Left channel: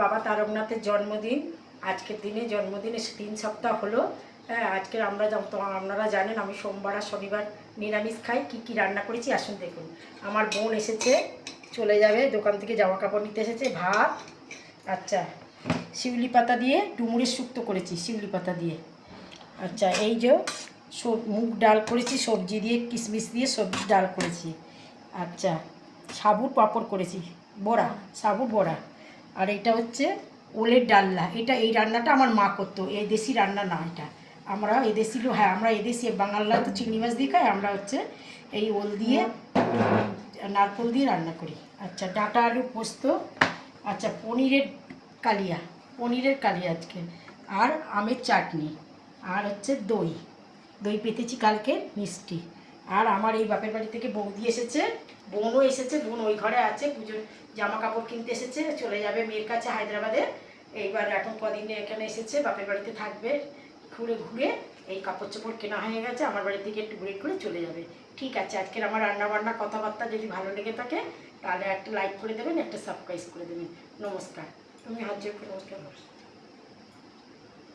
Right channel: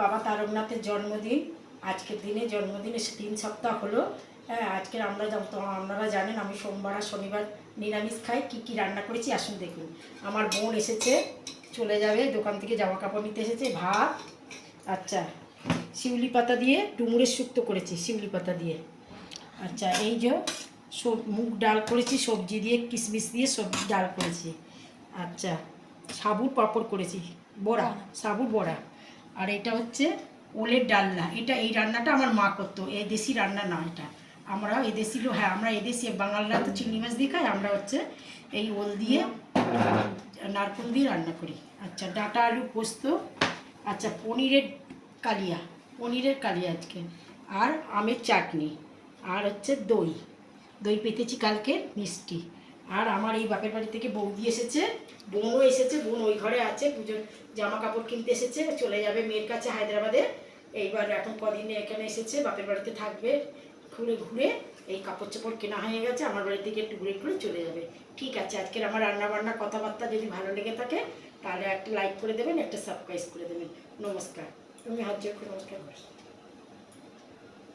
বাবা তারকনাথের জন্মদিন। আজকের দিনে জন্মদিনে 3 সপ্তাহ হলো। হ্যাঁ, আজকে আপনারা জানেন আমি সোমবার আর শনিবার নিরামিষ খাই। কী রান্না করেছি আসুন দেখুন। আমার বোন এসেছে, চলে যাবে, দোকান থেকে জামা কাপড় নিতে এসেছে। ভাত, আচ্ছা শিউলি পাতা দিয়ে ডুমুরের শুক্তো করেছি শিউলি পাতা দিয়ে। আচ্ছা এই যে মুগ ডাল করেছি, সবজি দিয়ে কিশমিশ দিয়ে সবজি ডাল করেছি। আচ্ছা সাবুর পাঁপড় করেছি, বড়া, সাবুর বড়া। আর এটা হচ্ছে ওলের ডালনা। এই রান্নাটা আমার মা করতো, এই দেশি রান্না না এটা। আমরা এদেশি হ্যাঁ, আমরা এদেশি বাঙালরা তো চিংড়ি মাছ দিয়ে খাই, আমরা হচ্ছে এই ওল দিয়ে নারকোল দিয়ে রান্না করি। আচ্ছা ডাঁটা আলু পোস্ত। আচ্ছা পনিরের কালিয়া আজকে। আর আমের চাটনি। আর হচ্ছে দই পেতেছি কালকে, মিষ্টি। আর আমার এই বাপের বাড়ি থেকে বৌদি এসেছে, বোনও এসেছে। বোন ওই ঘরে আছে, পুজোর জামা কাপড় কিনতে এসেছে, চলে যাবে মেয়ের কাছে হায়দ্রাবাদে। এইবার এখন কদিনে এখানে এসেছে, বাপের বাড়িতে থাকবে। ঘুরে এই কাপড় চোপড় কেনা হয়ে গেছে, আমার বাড়ি থেকে একটু ঘুরে চলে যাবে। ঠিক আছে, আজকের আমার রান্নাবান্না কথাবার্তা যদি ভালো লেগে থাকে তাহলে একটা লাইক করে দেবেন, একটা সাবস্ক্রাইব করে দেবেন। নমস্কার। তুমি হাত জোড় করে নমস্কার করো।